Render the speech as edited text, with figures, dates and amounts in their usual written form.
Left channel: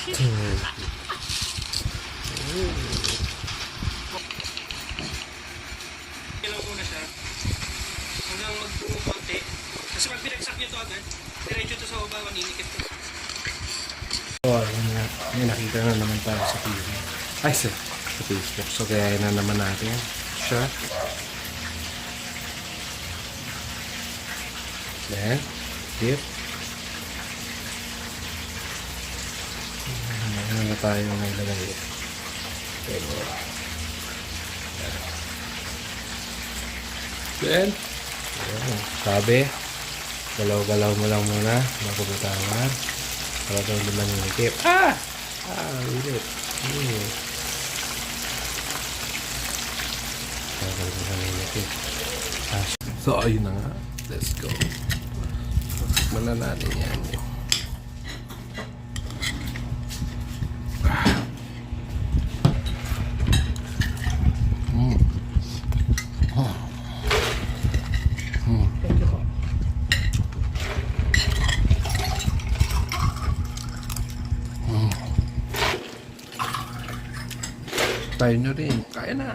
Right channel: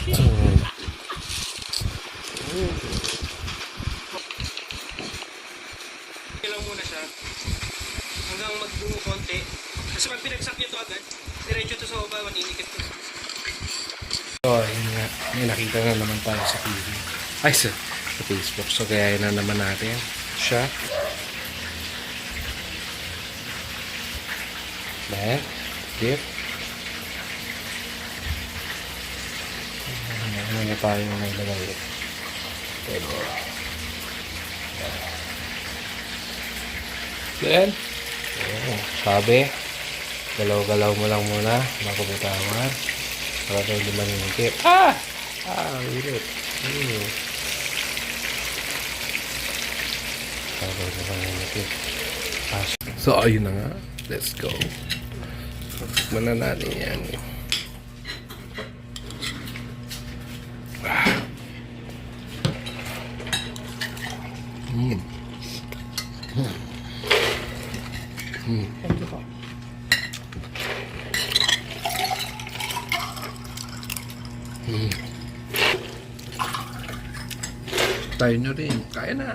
Lang muna siya hanggang magbuo konti. Kasi pag binagsak nyo ito agad, diretso ito sa baba, maninikip ito. So, ayun nga. May nakita na naman tayo sa TV. Ay, sa Facebook. So, kaya na naman natin siya. Then, dip. Ano na tayo nailagay? Pero, then, sabi, galaw-galaw mo lang muna bago bitawan para daw di maninikip. Ulit. Para daw di maninikip. So, ayun na nga. Let's go. Tikman na natin yan. Thank you po. Tayo na rin. Kaya na.